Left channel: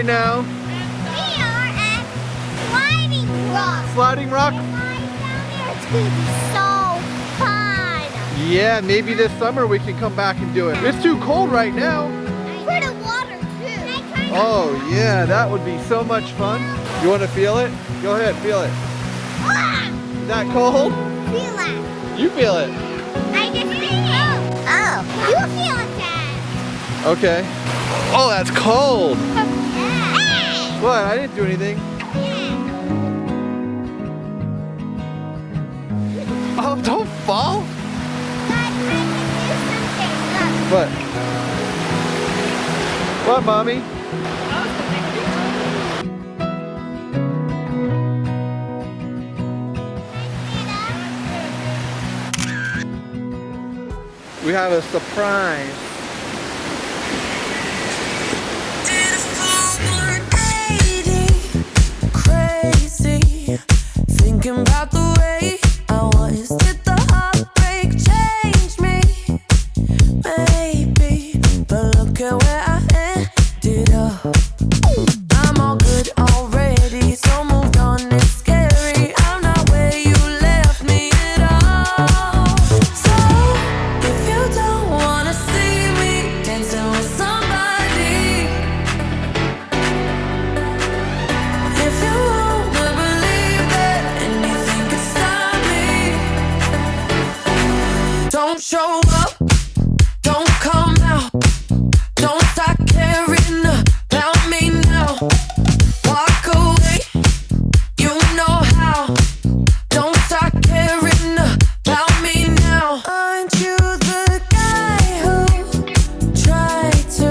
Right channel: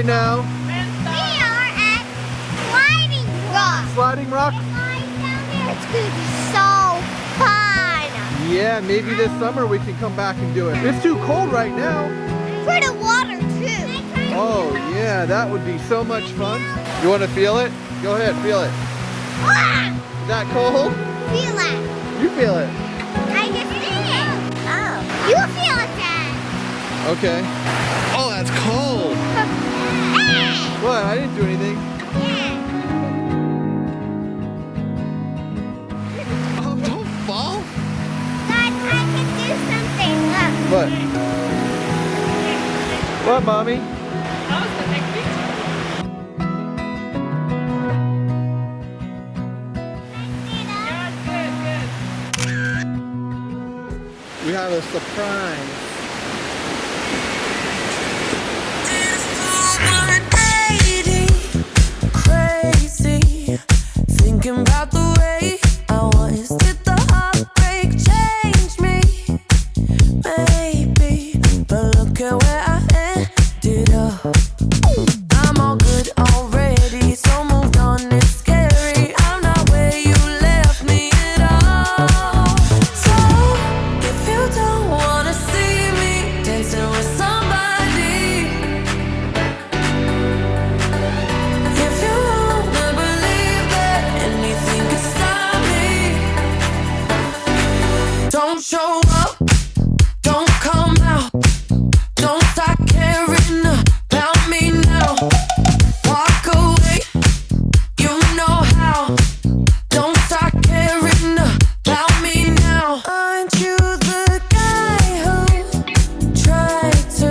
right now? We are at Sliding Rock. Sliding Rock? Slide down there. It's gonna be so fun. Yeah, maybe this summer we can come back and do it. It's too cold right now. For the water too. Oh yeah, that would be so much fun. You want to feel it? Go ahead, feel it. Ah! Is that cold? Feel it. You feel it. I just did it. Oh, you feel it then. Okay. Oh, that's cold. Hey! What? I didn't do anything. Yeah. Oh, don't fall. Dad, I can do something. Look. What? What, Mommy? I was gonna take a picture. We have a surprise. Crazy, thinking about the way I was. Did the heartbreak change me? Maybe, but look at where I ended up. I'm all good already, so moved on. It's scary. I'm not where you left me at all. So if you don't wanna see me dancing with somebody, if you wanna believe that anything could stop me, don't show up, don't come out, don't start caring about me now. Walk away, you know how. Don't start caring about me now. Aren't you the guy who tried to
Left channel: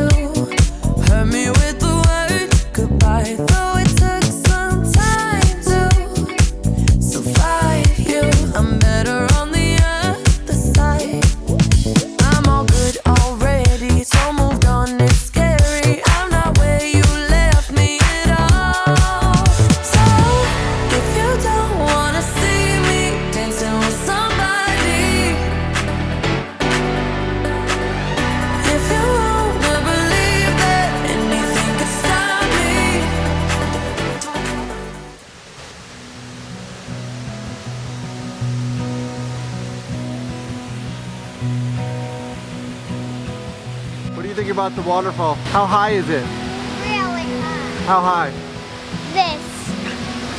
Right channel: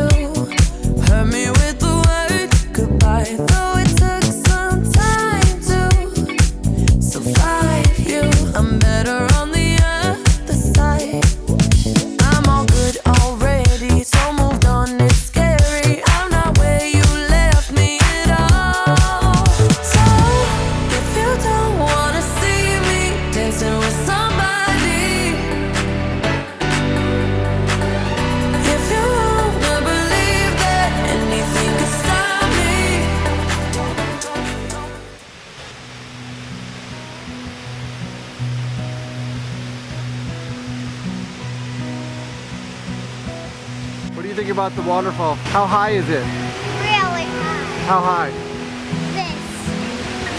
hurt me with the word goodbye? Though it took some time to survive you, I'm better on the other side. I'm all good already, so moved on. It's scary. I'm not where you left me at all. So if you don't wanna see me dancing with somebody, if you wanna believe that anything could stop me. What do you think about the waterfall? How high is it? Really high. How high? This.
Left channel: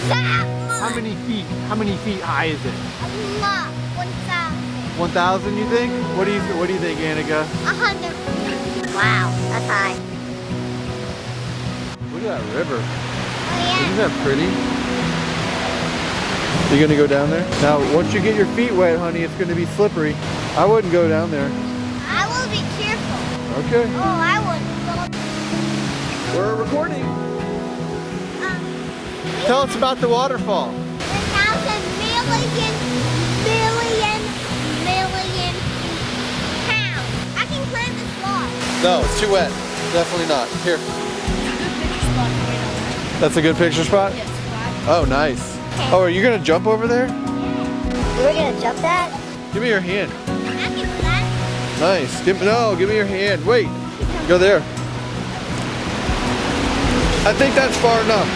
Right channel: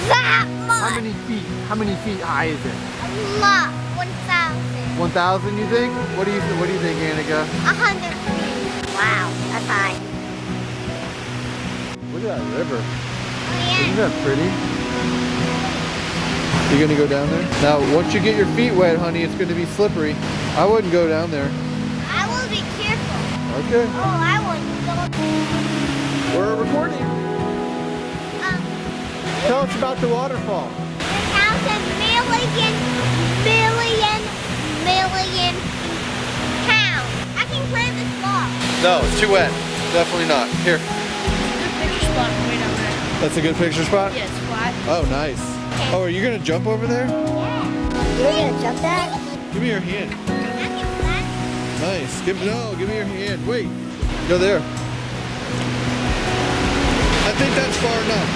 That much. How many feet? How many feet high is it? A lot. 1,000. 1,000, you think? What do you think, Annika? 100 feet. Wow, that's high. Look at that river. Oh, Isn't yeah. that pretty? You gonna go down there? Now, once you get your feet wet, honey, it's gonna be slippery. I wouldn't go down there. I will be careful. Okay. Oh, I wouldn't go. We're recording. Um, Tell us about the waterfall. 1,000 million pounds. I can climb this wall. No, it's too wet. Definitely not. Here. Good picture spot right down there. That's a good picture spot? Yes, five. Oh, nice. Oh, are you gonna jump over there? You were gonna jump that? Give me your hand. I can do that. Nice. Give me your hand. Wait. Go there. I think that's far enough.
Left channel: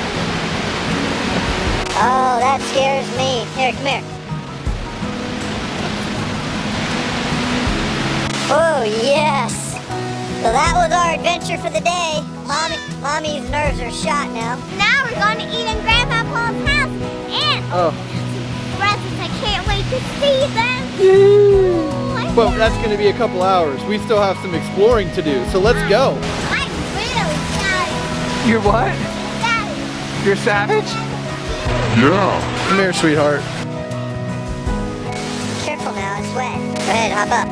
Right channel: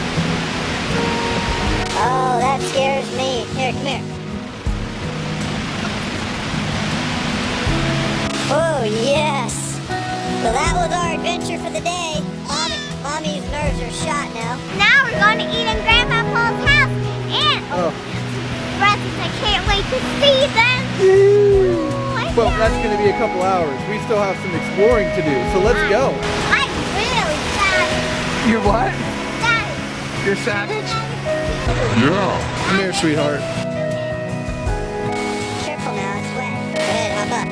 Oh, that scares me. Here, come here. Oh, yes. So that was our adventure for the day. Mommy's nerves are shot now. Now we're going to eat in Grandpa Paul's house. And Oh. presents. I can't wait to see them. Ooh, Well, that's gonna be a couple hours. We still have some exploring to do, so let's go. I'm really sad. You're what? Sad. You're savage? Yeah. Come here, sweetheart. Careful now, it's wet. Go ahead, hop up.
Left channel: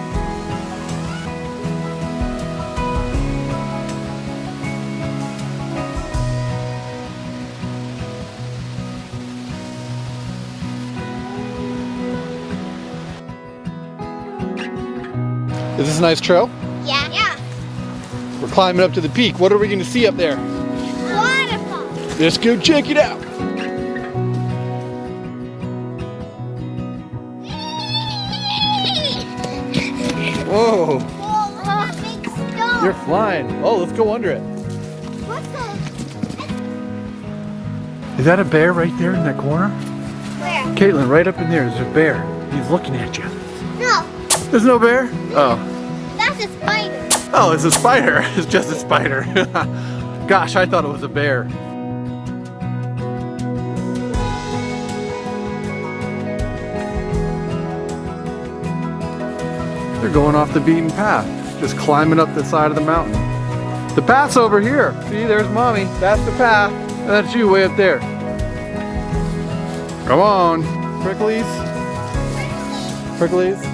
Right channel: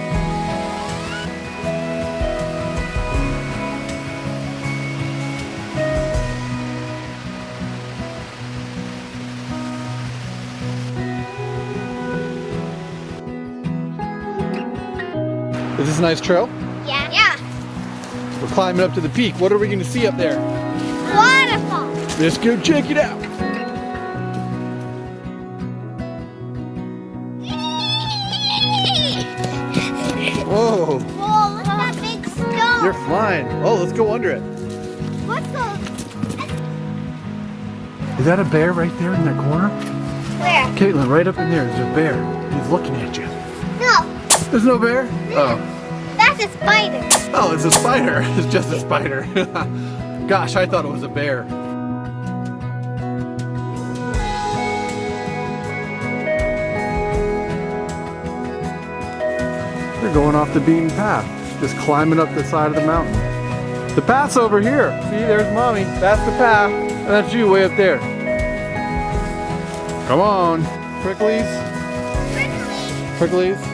Is this a nice trail? Yeah. Yeah. We're climbing up to the peak. What are we gonna see up there? Waterfall. Let's go check it out. Whoa, Whoa, look at that big stone. you're flying. Oh, let's go under it. What's the... Is that a bear right there in that corner? Where? Caitlin, right up in there, there's a bear. He's looking at you. No, There's no bear? Oh. that's a spider. Oh, it's a spider. It's just a spider. Gosh, I thought it was a bear. They're going off the beaten path, just climbing up the side of the mountain. The path's over here. See, there's Mommy. That's the path. And that's you way up there. Come on. Pricklies. Pricklies.